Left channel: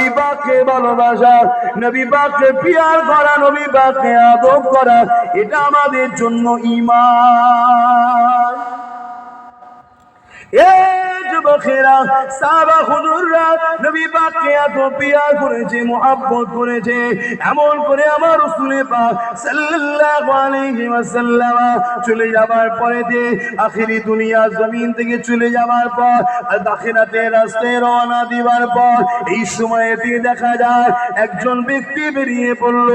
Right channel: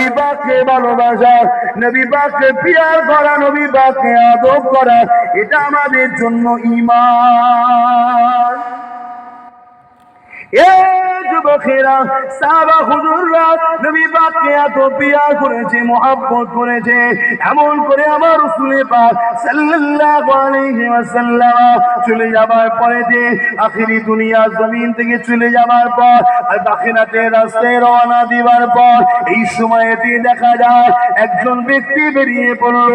পাককে ভালোবাসা নবী পাককে পিয়ার করা নবী পাককে আদব করা, এটা আমাদের জন্য ইমান এ যুবকেরা হুজুররা নবী পাককে এত করেছে, মোহাব্বত করেছে, এমন করে আমার পাক সাল্লাল্লাহু আলাইহি ওয়াসাল্লাম চলে যাবার পরে যে আখিরি দুনিয়া জমিন থেকে চলে যাবার পর আর রাস্তায় রওনা দিবার পর, এই সময়তে দেখা যায় একজন ব্যক্তি বেরিয়ে পড়ল,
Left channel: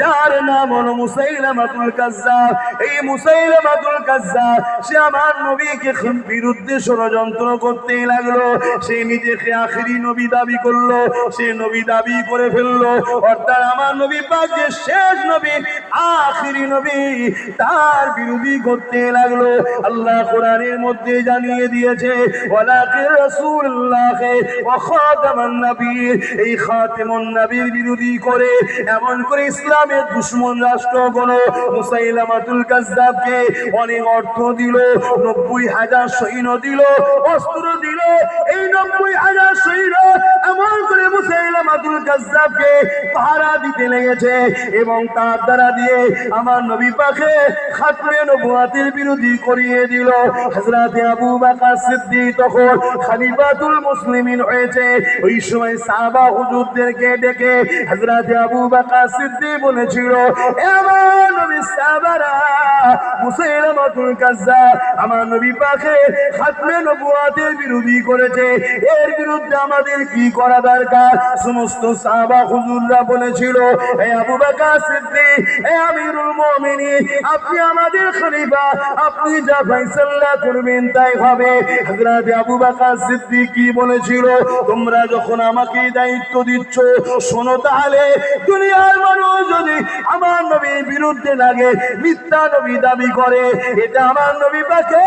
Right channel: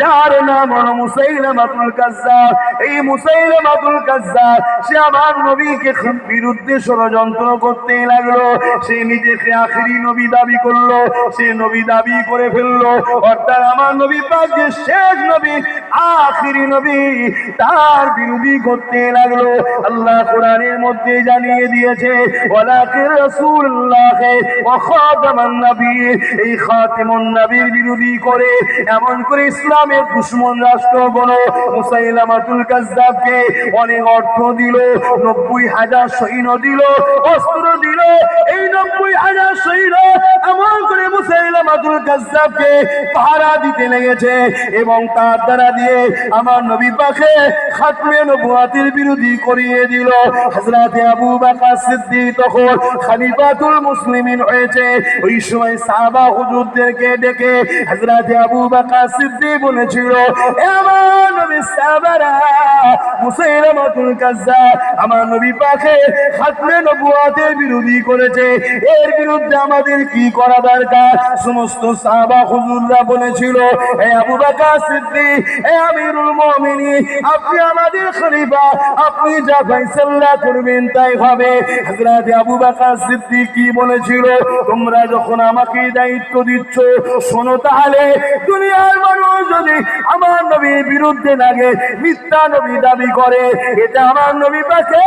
যার নাম হলো মুসাইলামাতুল কাজ্জাব। এই মুসাইলামাতুল কাজ্জাব, সে আমার নবীকে বিরুদ্ধে ষড়যন্ত্র করতে লাগল। সে নিজেকে আখিরি নবী দাবি করল, সে নবী দাবি করে ফেলল। অর্থাৎ আমার নবী পাক যে শেষ নবী, আখিরি নবী তার বিরোধী করতে লাগল। আল্লাহ কোরআনের মধ্যে জানিয়ে দিয়েছে, ওয়ালাকিন রাসূলুল্লাহকে ওয়া খাতামান নবীর এই নবীর করে, এমন করে ইসলামের দুশমন রাষ্ট্রগণ মুসাইলামাতুল কাজ্জাবকে অনেক অর্থ দিল, নব্বই হাজার সৈন্য দিল, অস্ত্র দিল, এই নব্বই হাজার সৈন্য এমন করে মুসাইলামাতুল কাজ্জাবকে পাহারা দিতে লেগেছে এবং তার দ্বারা দিয়ে আমার নবী পাকে খাতমে নবুয়াতের বিরোধী করিয়ে দিল। হযরত আবু বকর সিদ্দিক তখন খলিফাতুল মুসলিমিন হয়েছে। ওই সময় সাহাবা হুজুরদেরকে ডেকে হযরত আবু বকর সিদ্দিক বলেছিল, "এ আমার নবী সাহাবারা মুসাইলামাতুল কাজ্জাব আমার নবী পাকে খাতমে নবুয়াতের বিরোধী করেছে। এর বিরুদ্ধে আমাদের কি করা দরকার? সমস্ত সাহাবা হুজুররা বলেছিল হে আবু বকর সিদ্দিক হে আমিরুল মুমিনিন, আপনি আমাদের খলিফা, আপনি যা ফয়সালা করবেন তাই হবে। হযরত আবু বকর সিদ্দিক কি বলেছিল? তোমরা যখন আমাকে দায়িত্ব দিচ্ছ, শোনো তাহলে, দুনিয়ার মানুষ যদি আমার নবীর বিরুদ্ধে লাগে, মিথ্যা নবী দাবি করে, এটা আমার নবী পাকে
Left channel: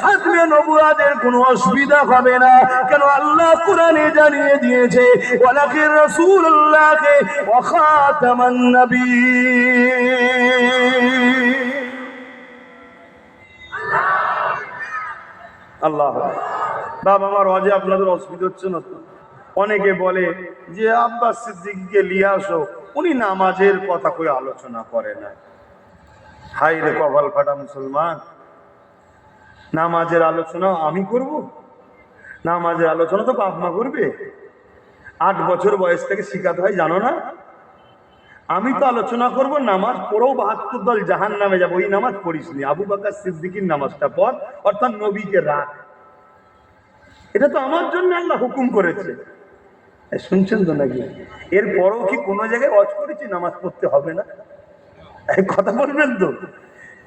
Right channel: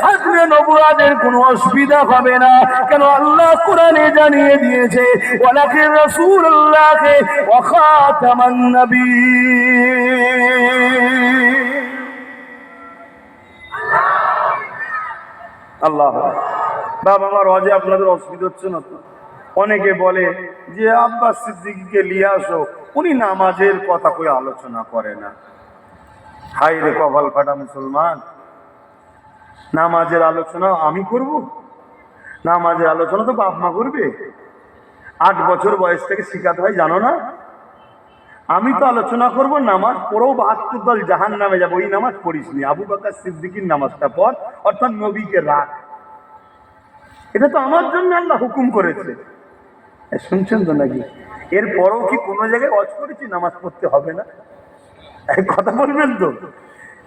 খাতমে নবুয়াদের কোনো অসুবিধা হবে না। কেন আল্লাহ কোরআনে জানিয়ে দিয়েছে ওয়ালাকিন রাসূলুল্লাহকে ওয়া খাতামান নবী আল্লাহ। বাবা আমার অজে আপনাদের অসুবিধা হচ্ছে না তো? অনেকে বলে যে, আব্বাস সিদ্দিককে নিয়ে আসো, উনি নামাজের কথা কই আলোচনা করে না? হাই রে কপাল ফাটা মুসলমান। নামাজের আলোচনা আমি করব? নামাজের আলোচনা তো বাপ মা করবে। আট বছর বয়স থেকে শিখাতে হয়, জানো না? আমি তো আলোচনা করব নামাজ পড়েও বাহাত্তর দল জাহান নামে যাব ওই নামাজ পড়িস নি। আবু বাকার সিদ্দিকির নামাজটা পর অর্থাৎ নবীকে রাখ। এটা তো আমার জন্য আল্লাহ হুকুম করেছে। শুনছেন তো নাকি? এরপরও কি কোনো জায়গায় অজ করেছি? নামাজ পড়তে হবে না? কথা বলবেন তো?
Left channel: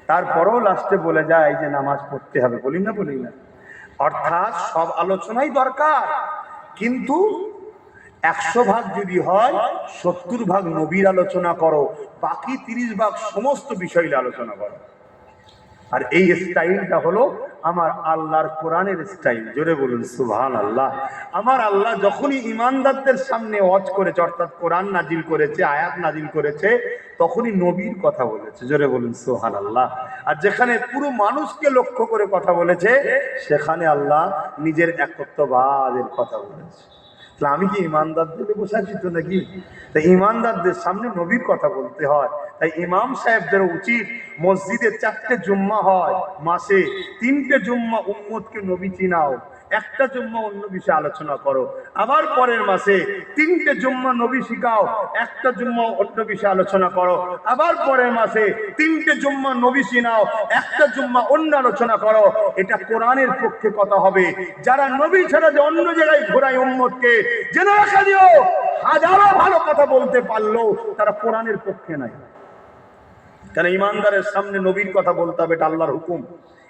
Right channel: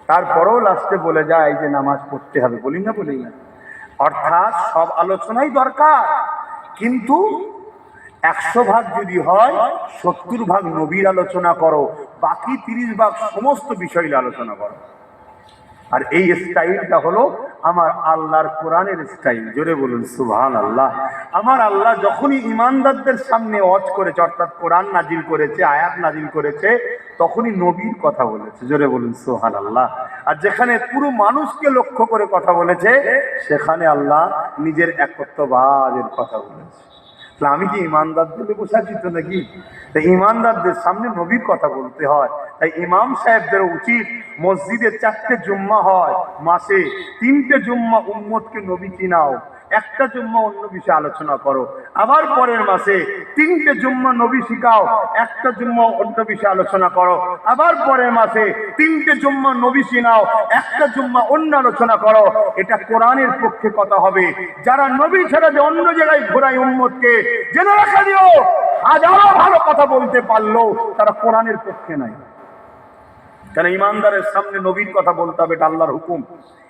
তারপরেও লাস্টে বলে যায় যে, নামাজ পড়তে হবে। বলি না বলি না। অর্থাৎ সব আলোচনাই দরকার। কিন্তু একশো ভাগ যদি হয়, সত্তর ভাগ নবীর আলোচনা করো, বাকি তিরিশ ভাগ সমস্ত বিষয় আলোচনা করো। আর এই স্টাইলটা হলো আমার আল্লাহর কোরআনের স্টাইল। জোরে বলুন সুবহান আল্লাহ আমার আল্লাহ যখনই ইমানদারদের সামনে অজ করেছে, অর্থাৎ কোরআন নাজিল করেছে, আয়াত নাজিল করেছে, তখনই নবীর কথা বলেছে। জোরে বলুন সুবহান আল্লাহ আর যেখানে পুরো মানুষকে লক্ষ্য করে কথা বলেছে, সেখানে আল্লাহ নিজের একত্ববাদের কথা বলেছে। আমি কি ইমানদারদের বোঝাচিত নাকি? তাই ইমানদারদের সামনে নবীর কথা বলতে হয়। তাই ইমাম সাহেবদের উচিত মসজিদে চারটে জুম্মা হয় মাসে। তিনটে জুম্মা উম্মতকে নবী চিনাও। একটা জুম্মা অন্য বিষয়ে আলোচনা করো। আবার পরের মাসে তিনটে জুম্মা নবী শিখাও, একটা জুম্মা অন্য বিষয়ে আলোচনা করো। আবার পরের মাসে তিনটে জুম্মা নবী চিনাও একটা জুম্মা অন্য আলোচনা করো। এটা কোরআনের পক্ষে কথা হবে। যারা নবী ছাড়া যে অন্য জায়গায় ঘোরায় উম্মতকে, জেনে রাখা দিও, হাজারো ভালো কথা বলতে পারল তারা কোরআনের পক্ষে নাই। কেন ইমানদারের সামনে নবীর কথা বলতে হবে, এটা আল্লাহর হুকুম।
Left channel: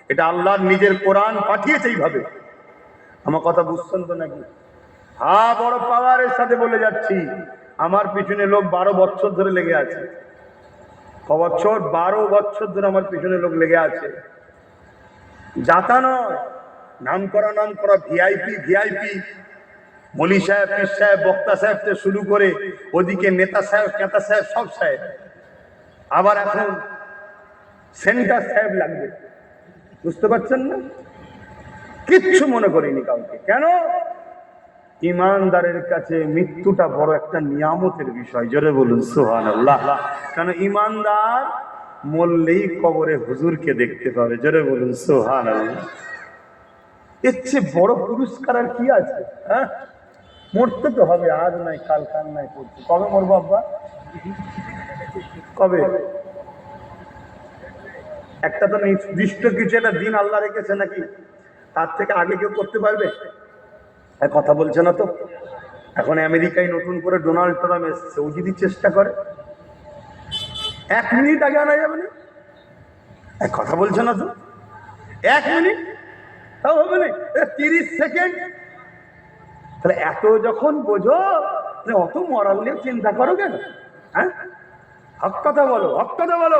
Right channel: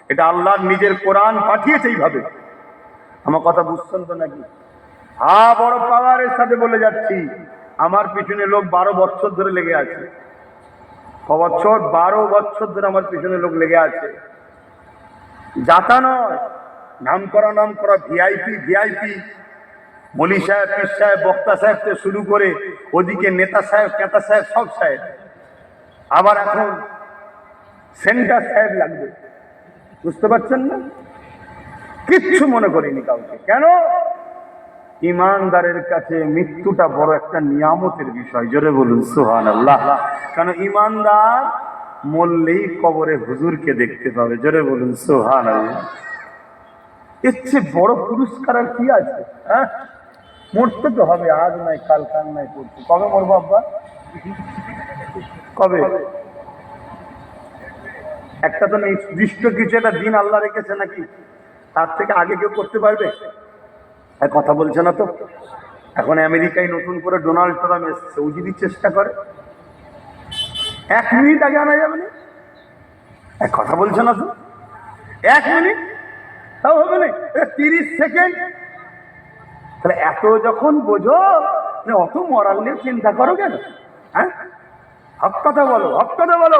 এটা আল্লাহর নিজের কোরআন পাঠিয়েছে এইভাবে। আমার কথা বুঝছেন তো নাকি? হা, বড় পাওয়ারের সাথে বলে যাচ্ছি। আমার পিছনে লোক বারো বছর ধরে লেগে আছে। ক বছর? বারো বছর ধরে আমার পিছনে লোক লেগে আছে। যাতা নয় নাম করা নাম করা ভিআইপি ভিআইপি মলি সাহেব, পীর সাহেব, বক্তা সাহেব থেকে শুরু করে ওদিকে নেতা সাহেব কেতা সাহেব, সব সাহেব। আবার এখন সেন্টার সাহেব লাগবে। বুঝতে পারছেন না? কিচ্ছু মনে করিনি কাউকে। কেন? ইমানদারের কাছে মৃত্যুটা বড় একটা নিয়ামতের বিষয়। জোরে বলুন সোহান আল্লাহ কেন ইমানদার মরলেই কবরে হুজুরকে দেখতে পাবে। জোরে বলুন সুহান আল্লাহ এর চেয়ে বড় পুরস্কার আর কি আছে হ্যাঁ? মরতে তো হবে, আজ নাই, কাল কাল নাই করতে কবে মরবো আব্বা? কবে? একটা তো নির্দিষ্ট কিছু একটা দিন আল্লাহ রেখেছে নাকি? তার থেকে আগে কেউ করতে পারবে? কথা বলছে না তো। এখন আমেরিকায় নতুন করে ডোনাল্ড ট্রাম্প এসছে, ও যদি চেষ্টা করে। এক মিনিট আগে আনা যাবে না? এক কথা বলছে না তো। এক মিনিট? তাও হবে না। তিরিশ সেকেন্ড। তাহলে এত যখন বোঝো যে অত মরাল নিয়ে চিন্তা করো কেন? হ্যাঁ? হক কথা বলো, হক কথা বলো।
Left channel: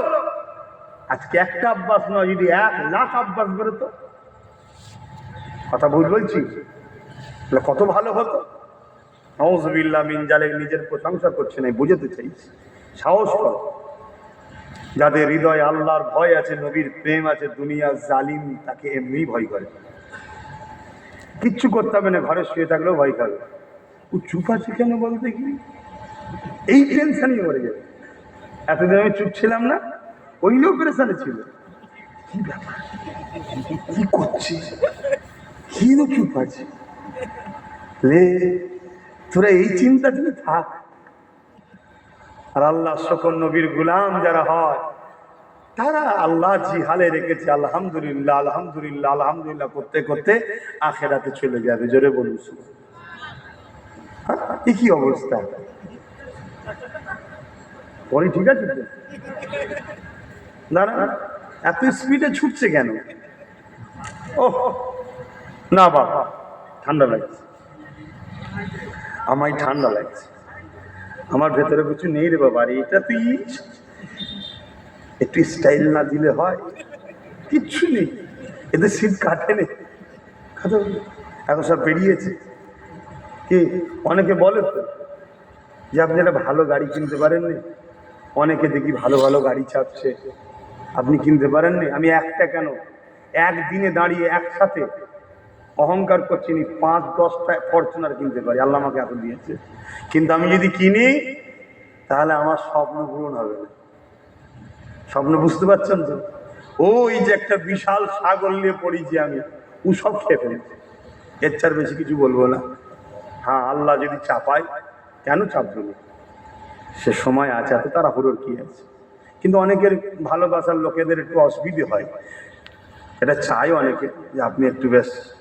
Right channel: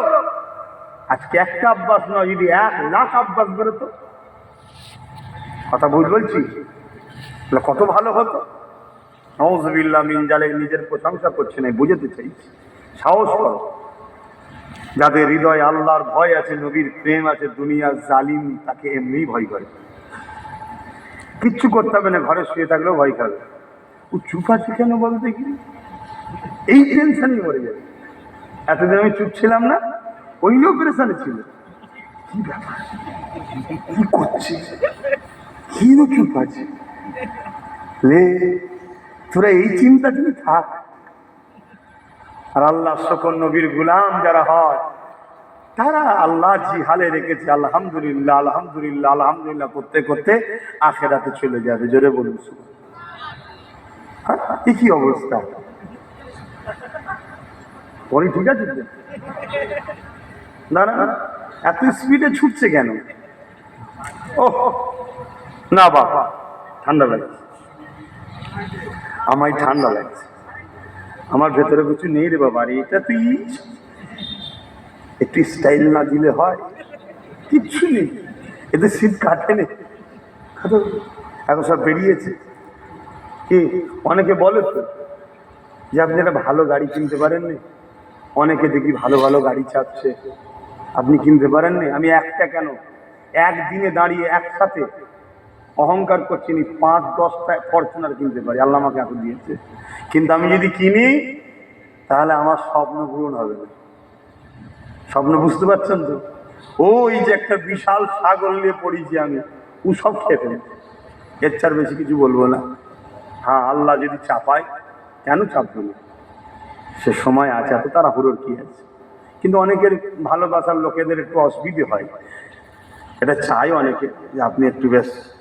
আজকে একটা অভ্যাস নয়, যদি এক লাখ অভ্যাস বেরোতো কথা ভুল বলছি? কত ভালো হতো? নওজবিল্লা মিনজালে নিজের প্রশংসা করছে না, বুঝতে চাইছি। সাহস করো। যাদের হৃদয়ে আল্লাহর ভয় আছে, নবীর প্রেম আছে দুনিয়া জালিম, তাকে এমনি ভয় করে। কিচ্ছু করতে হবে না, ঘরে শুয়ে থাকলেও ভয় খাবে। ও চুপ আছে কেন বলতে কি? এই টেনশনই মরে যাবে। এতদিন আমি চুপ ছিলাম না, ওই অপারেশনে ছিল। কি ব্যাপার? কি করছে তো চুপ আছে। লে তোরা এই চিন্তা তুমি থাক। আর আল্লাহ সকল নবীর গুলাম যারা হয় তারা আল্লাহ জি হালে রেখেছে। আলহামদুলিল্লাহ আলহামদুলিল্লাহ আলহামদুলিল্লাহ করতে করতে আখেরাতে চলে যাবে। জোরে বলুন হ্যাঁ, এ কি অবস্থা? পরে ঠিক আছে না না, এত স্পিডে ছুটছে কেন? ও না বাবা, ঠান্ডা লাগছে। আমায় ঠান্ডা লাগছে। আমার ভেতরে কিছু নেই রে বাবা এটা তুই একটু স্টাইল না দিলে হয়। কিচ্ছু নেই। এদের শীত কাটে নে। এখন সব বেরিয়েছে। কি, অনেকে বলে তো যে আপনি একটা ভালো গাড়ি কিনতে পারেননি। অনেকে দেখি ভালো ভালো গাড়ি চাপছে আপনি কিনতে পারেননি? আমি একটা কেন? একদিনে দাঁড়িয়ে একসাথে অহংকার করছি নি পাঁচ, দশটা ফরচুনার কিনতে পারি। আল্লাহ আমাকে এত দিয়েছে। কিন্তু আমি যদি কিনি, তাহলে আমার স্বপ্ন পূরণ হবে স্বপ্ন বুঝতে পারছেন তো? ওই যে একটা বিশাল সাগর নিয়ে পড়েছি আমি, ও সব ফেলেছে। এর চার বেশি কিছু বলব না। হ্যাঁ আল্লাহ যদি চাপায়, কেন চাপবে না? সে সময় আছে, এত তারা হুড়োর কি আছে? কিন্তু অনেকের ভালোবাসার লোকেদের একটু অসুবিধে হয়। এটা চাই অনেকে যে আপনি একটু বেশ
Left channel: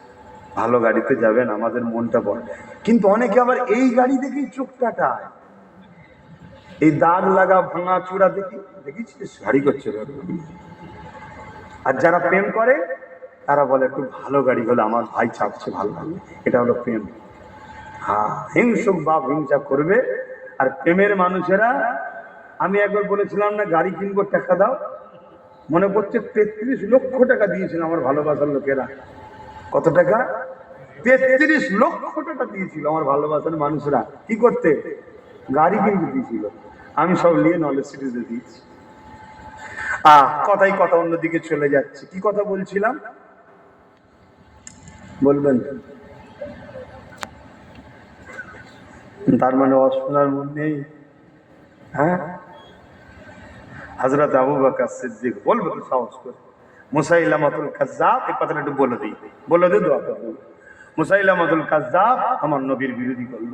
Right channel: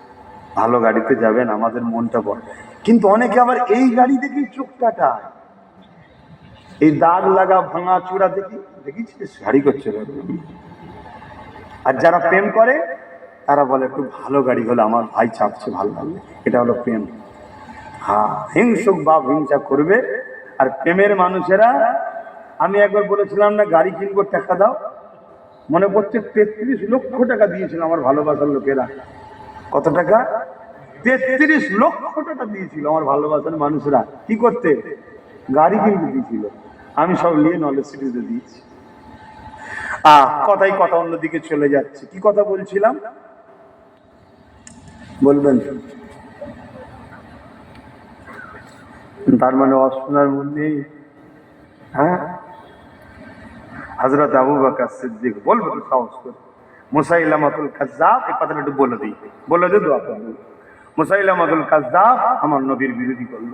ভালো গাড়িতে যাবেন, আমাদের মনটা বড়। কিন্তু অনেকে আবার এই গাড়ি দেখেই চোখ কাটায় এই দাগ লাগা, ভাঙা চূড়া দেখি দেখিছিস গাড়ি করছে আর যারা প্রেম করে, তারা বলে, একটু ভালো গাড়ি হলে আমার ভাই চাপছে, ভালো লাগবে এটা হলো প্রেম। হ্যাঁ হিংসুক বাপ হিংসা করবে। আর প্রেমের মানুষেরা, আমি একবার বলেছিলাম না, গাড়ি কিনবো, টাকা দাও। মনে পড়ছে তেত্রিশ লক্ষ টাকা দিয়েছিল আমার ভালোবাসার লোকেরা। কত টাকা? তেত্রিশ লক্ষ টাকা দিয়েছিল আমার ভালোবাসার মানুষরা। কি করতে? গাড়ি কিনতে দিয়েছিল। আমি সব নিয়ে নলেজ সিটিতে দিয়েছি। আহ কথাই কথা অন্যদিকে চলে যাচ্ছে। কি কথা বলছিলাম? বলবেন। তার মানে অশোনার মধ্যে হ্যাঁ? হজরত আবু বকর সিদ্দিক, বলব তো সাহস করে। মুসাইলামাতুল কাজ্জাব এই কথাটা একটু বলে দিই। বলে দিই দোয়া করে মুসাইলামাতুল কাজ্জাব আমার নবীর বিরোধী করল।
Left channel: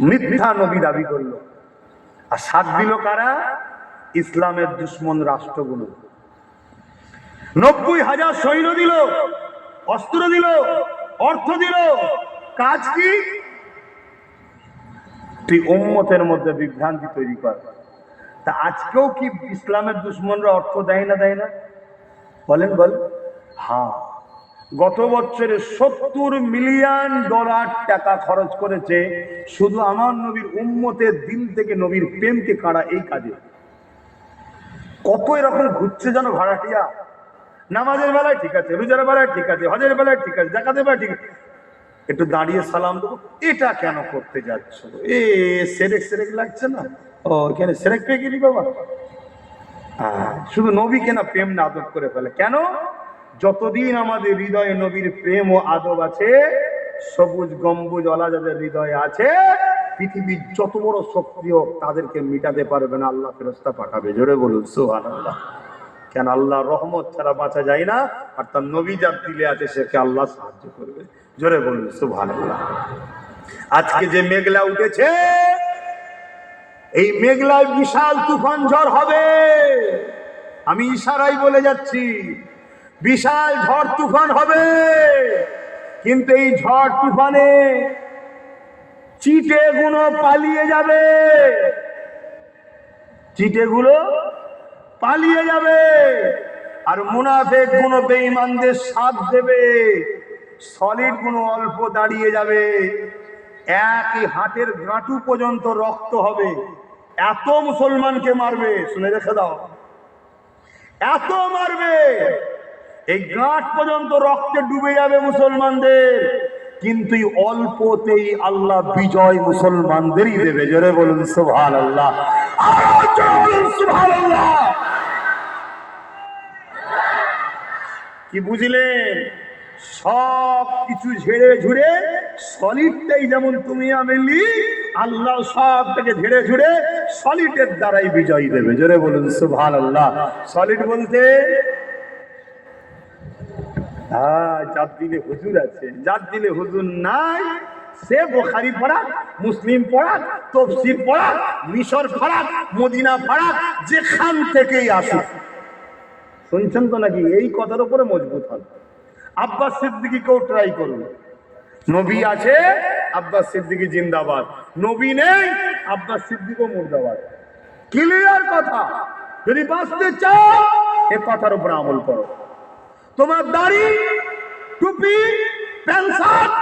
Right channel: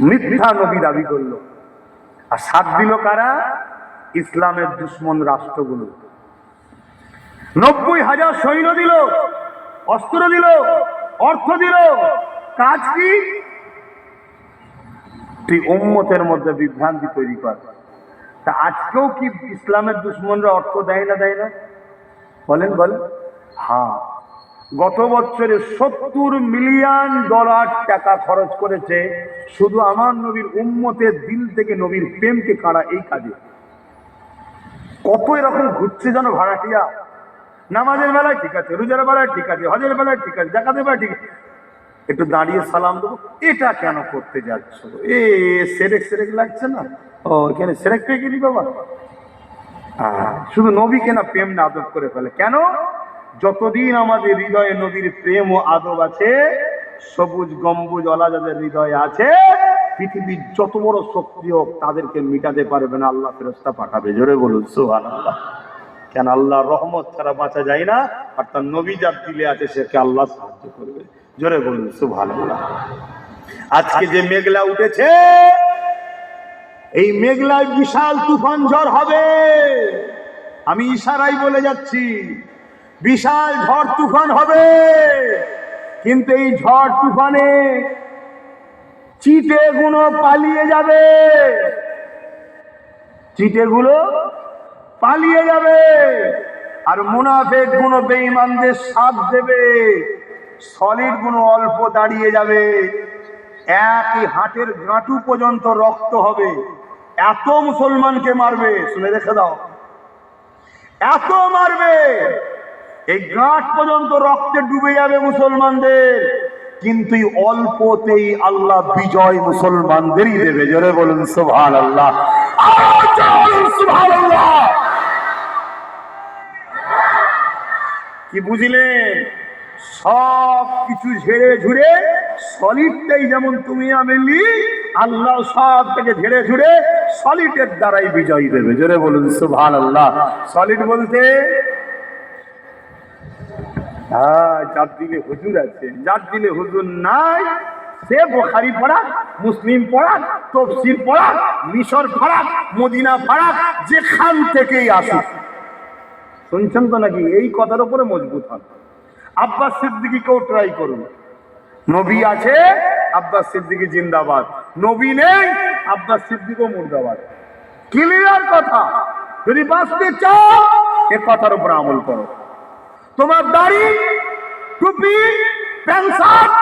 মিথ্যা নবী দাবি করল। আর সাত দিল কারা? ইসলামের দুশ্মন রাষ্ট্রগুলো। নব্বই হাজার সৈন্য দিল, অস্ত্র দিল, অর্থ দিল। কাজ কি? তুই উম্মতের মধ্যে বিভ্রান্তি তৈরি কর। তা আজকেও কি ইসলামের দুশ্মনরা অর্থ দেয় না দেয় না? বলেন বলেন। হ্যাঁ। গত বছরে সত্তর মিলিয়ন ডলার টাকা খরচ করেছে শুধু আমার নবীর উম্মতের দিল থেকে নবীর প্রেমকে কাড়া এই কাজে? কত এরকম ঘুরছে যেন ভাড়াটিয়া? নামাজের বেলায় ঠিক আছে, রোজার বেলায় ঠিক আছে, হজের বেলায় ঠিক আছে দেখাতে বেলায় ঠিক আছে। একটু দাঁড়িয়ে সালাম দেবো, এটা কেন করতে যাচ্ছ? এ, সেরেক সেরেক লাগছে না? ও, এখানে সেরেক পেয়ে গেলি বাবা। শুধু নবীকে না প্রেম না আদব করে ফেলে। কেন? যতদিন আমাদের হৃদয়ে নবীর প্রেম ও আদব আছে, সবুজ গম্বুজ অলা যাদের হৃদয়ে আছে, পৃথিবীর যত বড় শক্তি হোক তাদেরকে মিটাতে পারবে না, আল্লাহ ফেরস্তা পাঠাবে। জোরে বলুন সুহান আল্লাহ কেন আল্লাহ রহমত ছাড়া বাঁচা যায় না, আর তার নবী যার দিলে আছে সেকে আল্লাহ সাহায্য করবে। জোরে বলুন সুহান আল্লাহ আজকে যে মেঘলা উঠেছে, এই মেঘলায় বিশাল তুফান ঝড় হবে। আমি ইশারাই বলে যাচ্ছি বিশাল ঝড় তুফান হবে। কিন্তু এই ঝড় তুফানে চিটে গুলো পালিয়ে যাবে। চিটে গুলো পালিয়ে যাবে। আর মুনাফেকগুলো বেঈমানদের সাথ দেবে। সলিডগুলো অল্প দাঁড়িয়ে যাবে। একই হাটের গাঁটু পর্যন্ত রক্ত হবে। এত মুসলমানকে মারবে, শুনে রেখে দাও। এত মারবে। এই গাঁট পর্যন্ত রক্তে ডুবে যাবে মুসলমানদের। কিন্তু অল্পতেই আল্লাহ বিজয় মুসলমানদেরই দেবে। জোরে বলুন সুভান আল্লাহ কি বুঝলেন? সব কিছু ঝেড়ে ঝুড়ে সলিডটাই যেমন তুমি আমি আল্লাহ সব থেকে ঝেড়ে ঝুড়ে সলিডের দ্বারাই বিজয় দেবে। জোরে বলুন সুভান আল্লাহ সলিড বলতে হ্যাঁ যার দিলে হুজুর আছে, যার দিলে হুজুর নাই, সে বোখারি পড়া মুসলিম পড়া তফসির পড়া মিশর পড়া মদিনা পড়া যেখান থেকেই আসুক। শুনছেন তো নাকি? এই কথার উপরে মজবুত হন। আব্বাস সিদ্দিকিকেও ট্রাই করুন। নবী আছে, আব্বাস সিদ্দিকি জিন্দাবাদ। নবী নেই, আব্বাস সিদ্দিকও মুর্দাবাদ। ক্লিয়ার কথা? যদি বাঁচতে চাও, এ কথার উপর আমল করো। তোমার দাড়ি, টুপি, প্যান্ট শার্ট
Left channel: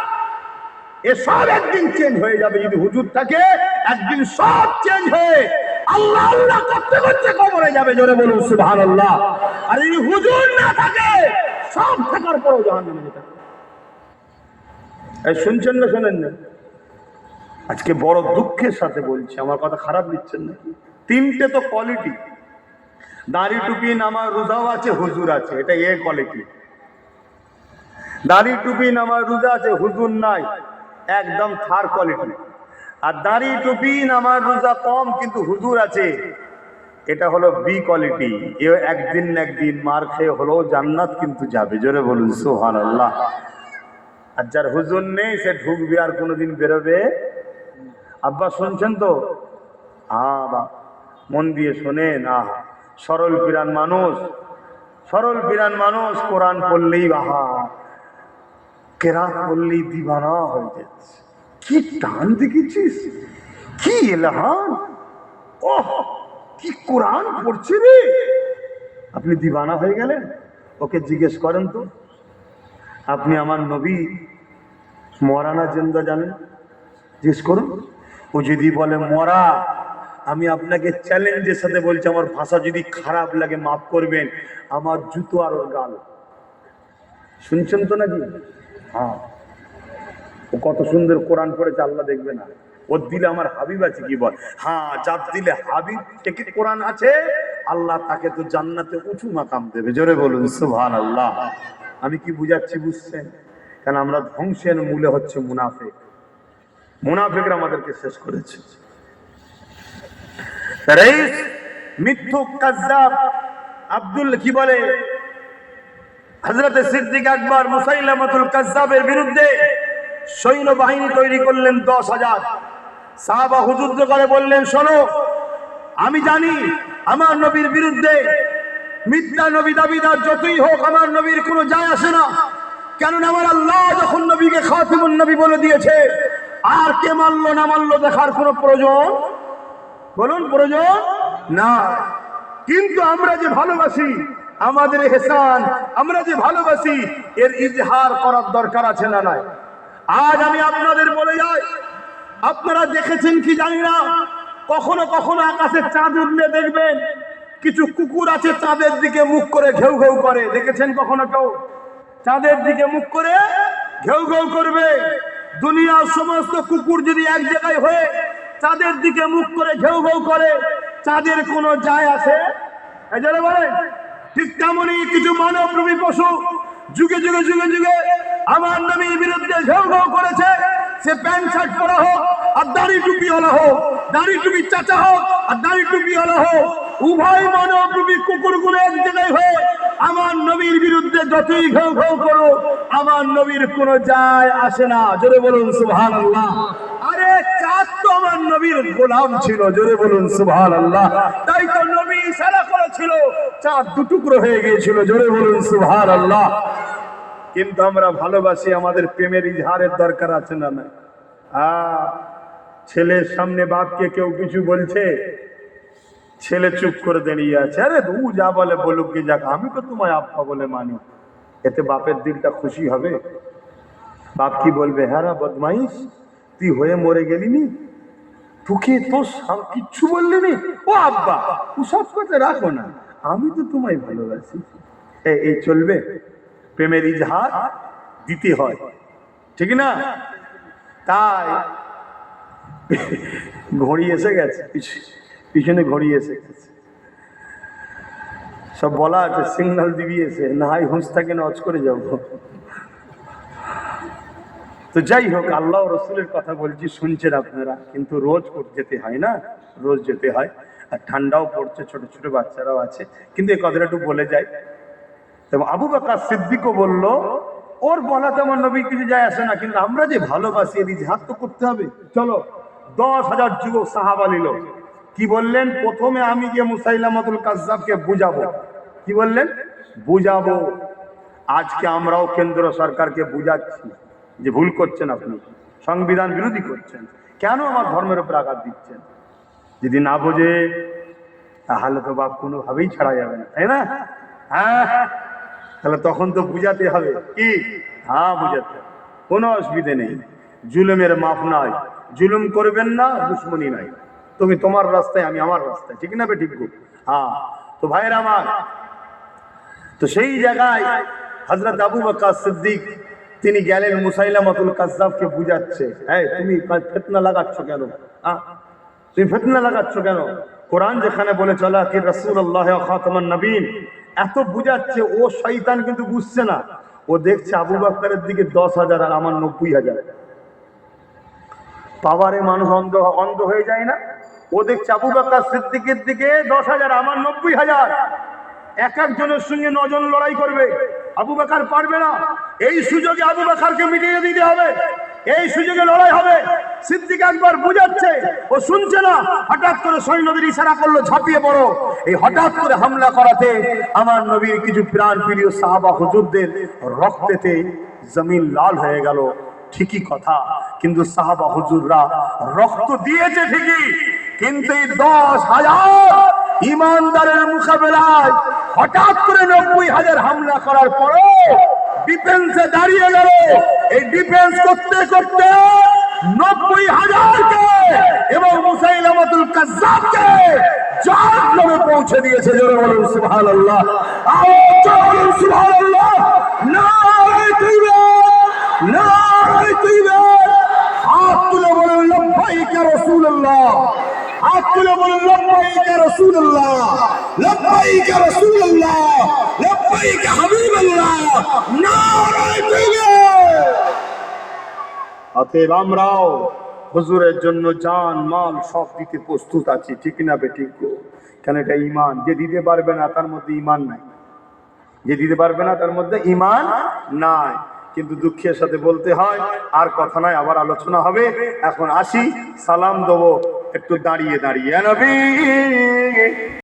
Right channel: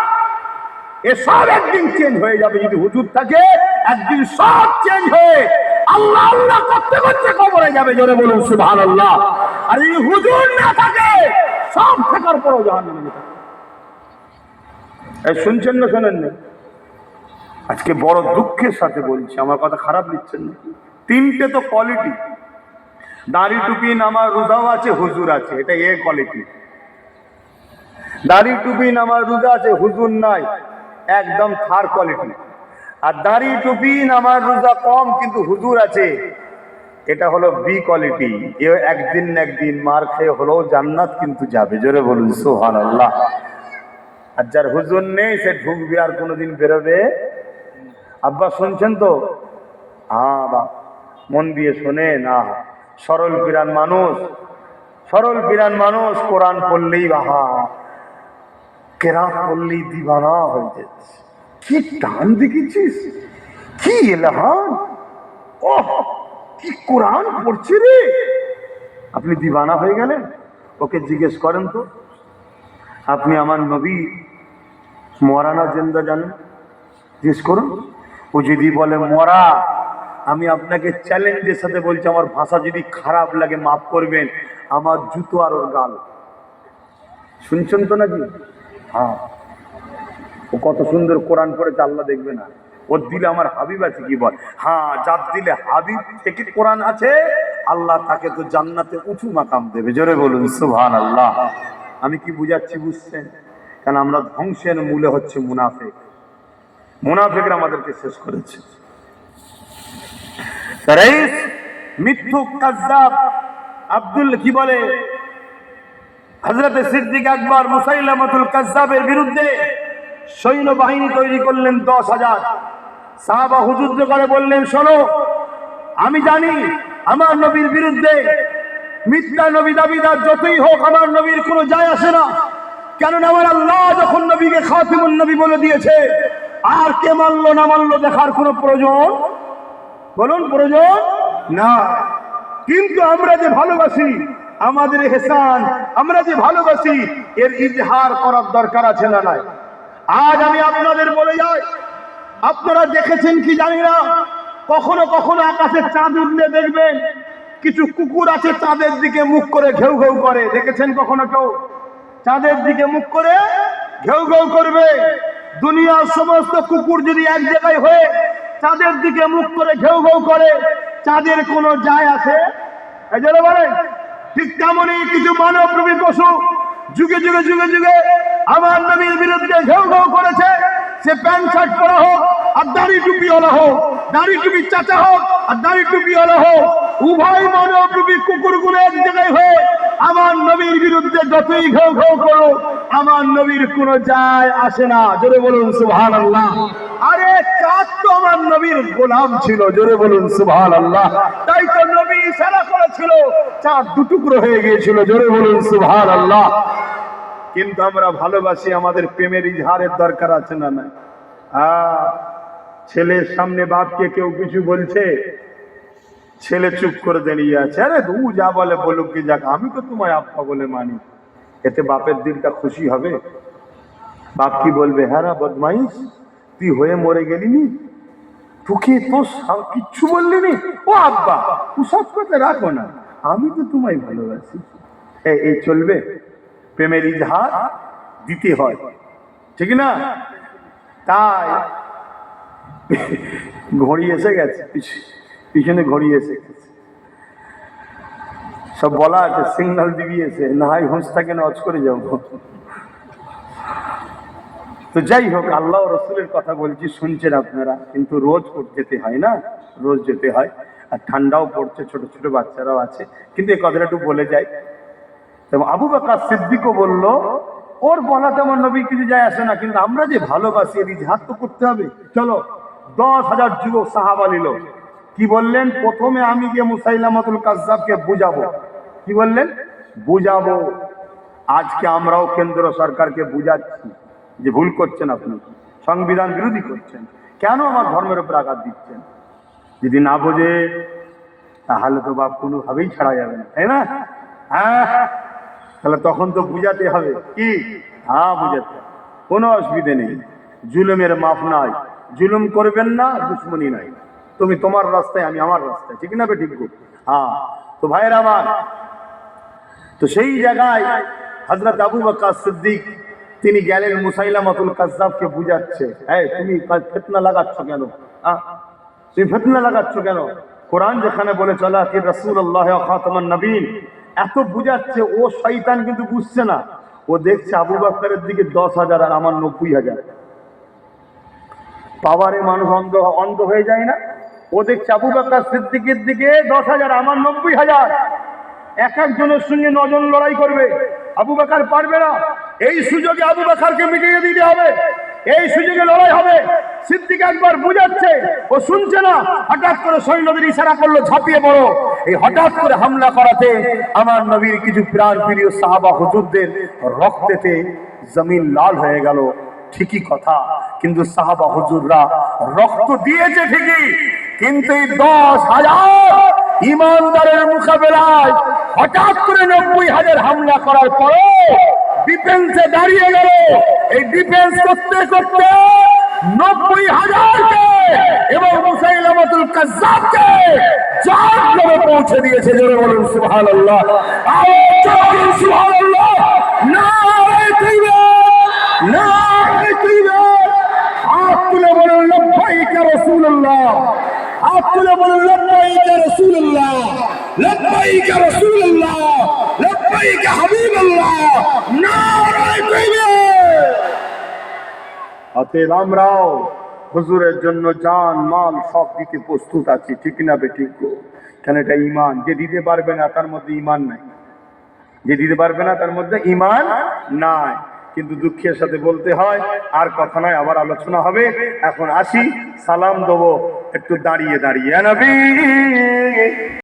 এসব একদিন চেঞ্জ হয়ে যাবে যদি হুজুর থাকে। একদিন সব চেঞ্জ হয়ে আল্লাহ আল্লাহ করতে করতে কবরে যাবে, জোরে বলুন সুবহান আল্লাহ আর যদি হুজুর না থাকে, সব থাকার পরও জাহান শুনছেন না শোনেন না? আজকে বড় দুঃখের সাথে বলছি, আমার কথা খারাপ নিচ্ছেন না। তিনটে তো কোয়ালিটি দাড়ি টুপি নামা রোজাও আছে, হুজুর আছে, এটা এ কোয়ালিটি দাড়ি টুপি নামা রোজা আছে, হুজুর নাই, একদম থার কোয়ালিটি আর দাড়ি টুপি নামার রোজা কম, কিন্তু হুজুর আছে, এটা হলো বি কোয়ালিটি এ একদিন না একদিন মার খেয়ে হলেও জান্নাত কিন্তু যাবে, জোরে বলুন সোহান আল্লাহ আর যার হুজুর নেই, সে ঢুকবে আর কোনোদিন বেরোবে। আব্বা, শুনছেন তো? হ্যাঁ বা, মন দিয়ে শোনেন আহ সরল পিরান মানুষ, সরল পিরান মানুষ কোরআন পড়লেই বাহা, কেরাত পড়লেই দিবানা হয়ে যাচ্ছে। কি টান দেখেছিস? কি এলাহান? ও কি কোরআন পড়ছে রে? আপনি দিবানা হয়ে গেলেন? ওকে জিজ্ঞেস করেন তো। আপনি আমার নবী, মরানা জিন্দা জানেন? জিজ্ঞেস করুন। ও যদি বলে মরা আমি আপনাকে চ্যালেঞ্জের সাথে বলছি, আমার ভাষা যদি খারাপ লাগে, মাফ করবেন। আমার জুতো আর ওর গাল শুনছেন তো নাকি? হ্যাঁ। ও কত সুন্দর কোরআন পড়েছে, আল্লাহ দেখবে না। ওর দিলে আমার হাবিব আছে, কি বল? হ্যাঁ যার দিলে হাবিব থেকে কোরআন আছে? আল্লাহ তাকে তো জান্নাতে উঁচু মাকাম দেবে। জোরে বলুন সুভান আল্লাহ আমি কি বুঝাচ্ছি, বুঝছেন? কেন, আমরা ধ্বংসের মূলে হচ্ছে মুনাফেক। মুনাফেকরা আমাদেরকে শেষ করেছে। রাইস মিথ্যুক কাজ্জাব। আব্দুল কি বলে? হজরত সিদ্দিক আকবর মুসাইলামতুল কাজ্জাবের বিরুদ্ধে সৈন্য বাহিনী তৈরি করলেন দশ হাজার। সাহাবা হুজুদ্দ করে বললেন, শোনো, আমি জানি আমার নবীর বিরুদ্ধে মিথ্যা নবী দাবিদার যতই হোক, আমার নবীর কোনো যায় আসে না। কেননা আমার আল্লাহ যখন নবীকে খাতিমুন নবী বলে দিয়েছে, আর কে মানলো না মানলো দেখার কোনো প্রয়োজন বলুন, প্রয়োজন? না। কিন্তু আমরা যে ভালোবাসি, আমাদের হেসান আমরা যে ভালোবাসি, এর ইজহার করার দরকার আছে না নাই? আজ আমি আপনাদের বলে যাই, আপনারা দেখেছেন কি জানি না? কখনো কখনো আকাশে চাঁদ উঠলে দেখবেন, কিছু কুকুর আছে চাঁদের দিকে মুখ করে ঘেউ ঘেউ করে। দেখেছেন কখনো কেউ? চাঁদের দিকে মুখ করে ঘেউ ঘেউ করবে। দুনিয়ার সমস্ত কুকুর যদি এক জায়গায় হয়ে চাঁদের দিকে মুখ করে ঘেউ ঘেউ করে চাঁদের কোনো যায় আছে এই জন্য বলেন, ঠিক তেমনই কিছু মানব মানবরূপী পশু যুগে যুগে যুগে যুগে আমার নবীর বিরুদ্ধে ঘেউ ঘেউ করেছে। সে প্যান্ট শার্ট পরা হোক আর দাড়ি টুপিওয়ালা হোক, দাড়ি টুপির চাচা হোক আর দাড়ি টুপিওয়ালা হোক, উভয় মানব রূপী কুকুরগুলো এক জায়গায় হয়ে আমার নবীর বিরুদ্ধে যতই ঘেউ ঘেউ করো আমার নবীর কোনো যায় আসে না। জোরে বলুন সুবহান আল্লাহ আরে চাঁদ তো আমার নবীর গোলাম ছিল, জোরে বলুন সুবহান আল্লাহ তাই তো নবী ইশারা করেছিল, চাঁদ দুটুকরো হয়ে গিয়েছিল, জোরে বলুন সুবহান আল্লাহ কিন্তু আমরা ভালোবাসি, আমাদের প্রেমের ইজহারের দরকার আছে না না ছেলের সামনে বাপকে কেউ কিছু বলছে, ছেলে চুপ করে দাঁড়িয়ে আছে। আরে দু যা বলে বলুক কি যাক, আমি তো তোমায় আপা বলে মানি। এতে বাপের দিনটা খুশি হবে? বাপ কি বলবে হ্যাঁ বদমাইশ। তুই হয়ে মরে গেলি নি? তোকে তো কিচ্ছু বললি নি? ও আব্বা সব কথা রাখো না। আমি তো তোমায় ভালোবাসি। এই চলবে। প্রেমের ইজহার দিতে হয়। ঠিক না? তাই ঘড়ি এসে গেছে, পিছ- পিছনে ঘড়ি এসে গেছে। সব বলা আছে সিগনাল দিবি এসে। না হয় হুঁশ থাকে না অজ করে যাব। তো যাই হোক, আল্লাহ রসুলের কথা বলছি, শুনছেন আপনারা, কিন্তু রোজ যেতে হয় না, রোজ যেতে হয়, আর ঠান্ডাও পড়ছে, ছোট ছোট বাচ্চারাও আছে, কিন্তু এই কথাটা একটু বলে যাই। এবং আবু বাকা সিদ্দিকও বলল, ওর বলা তেমন নবীর কিছু যায় আসে না, কিন্তু আমরা যে ভালোবাসি, এর ইজহার তো করতে হবে। চলো, দশ হাজার যুবক সাহাবা নিল। কি বললেন? প্রথমে আমি গিয়ে মুসাইলামাতুল কাজ্জাবকে বুঝাবো। কি বললেন? বুঝাবো। আজকে আমরাও কেন্দ্র সরকারকে বুঝাচ্ছি। যে ভুল করছেন আপনি, সংবিধান বিরোধী করছেন, কেন আমার ধর্মের উপর আঘাত দিচ্ছেন? যদি না বোঝে, তাহলে তো বাপ কোনোভাবেই ছাড়া যাবে না, তাই না? হ্যাঁ তাহলে তখন তো বুঝাতে হবে কি? হ্যাঁ বুঝাতে। কোনো অসুবিধে নেই। জুলুমের মাফ নাই। জুলুম করবেন না, দুশ্মনী নাই। তুমি তোমার রাস্তায়, আমি আমার রাস্তায়, ঠিক না বে ঠিক গো? হ্যাঁ তো ভাইয়ের আমার, তো সেই জায়গায় হজরত আবু বকর সিদ্দিক তিনি গেলেন মুসাইলামাতুল কাজ্জাবকে বুঝাচ্ছে, এই, তুমি ফেতনা লাগাচ্ছ কেন? হ্যাঁ তুমি ফেতনা লাগাচ্ছ কেন? কোরআন যেখানে বলে, চলা কি রসুল আল্লাহ নবীন এত বুঝাচ্ছে, ও শয়তান কিন্তু বুঝছে না। ও দেখছে আবু বাক্তারের দিকে দশ হাজার আর আমার নব্বই হাজার। পাওয়ারে মানুষ অন্ধ অন্ধ হয়ে যায় না। ও দেখছে আবু বাক্কার সিদ্দিকের দিকে দশ হাজার, আমার নব্বই হাজার। এক একজনের সঙ্গে নজন লড়াই করবে। আবু বাকার পারবে না। এই সুযোগে আবু বাকারকে মিটিয়ে দিতে হবে। এই সুযোগে লড়াই হবে। সিদ্দিক একবার বুঝাচ্ছে, ও শুনছে না। হঠাৎ করে সৈন্যদের ইশারা করল, ঝাঁপিয়ে পড়ো। এই হঠাৎ করে হামলা করাতে আমার নবীর কিছু প্রাণ প্রিয় সাহাবা হুজুরদের রক্তেতে জমিন লাল হয়ে গেল। ঠিকই কথা, কিন্তু সাহাবা হুজুররা রক্ত দিয়েছে ঠিকই, কিন্তু এই দশ হাজার ইমানদারের মোকাবেলায় হঠাৎ করে নব্বই হাজার হামলা করার পরে ডিফেন্সে দাঁড়িয়ে গেল। এই ডিফেন্স করতে করতে নব্বই হাজারকে এবং মুসাইলামাতুল কাজ্জাবকে জাহান্নামে পৌঁছে দিয়েছে। জোরে বলুন, সুবহানাল্লাহ। আওয়াজ বলুন, সুবহানাল্লাহ। নারে তাকবীর হাত তুলে বলুন লব্বাইকা রাসূলুল্লাহ হাত তুলে বলুন, লব্বাইকা রাসূলুল্লাহ রাসূলুল্লাহ, লব্বাইকা হাবিবাল্লাহ, নারে তাকবীর অতএব আমরাও হুজুরের জন্য জান, মাল সব দিতে প্রস্তুত আছি, ঠিক না বে ঠিক গো? কেন এটা ইমান যে দিতে পারবে না তার মধ্যে ইমান নাই। যে দিতে পারবে না তার মধ্যে ইমান নাই। কিন্তু দুঃখের সাথে বলতে হয়, আর কথা নয়, আবার আলোচনা হবে। এখন আসি, সালাম দেবো। একটু দাঁড়িয়ে দাঁড়িয়ে। নবী।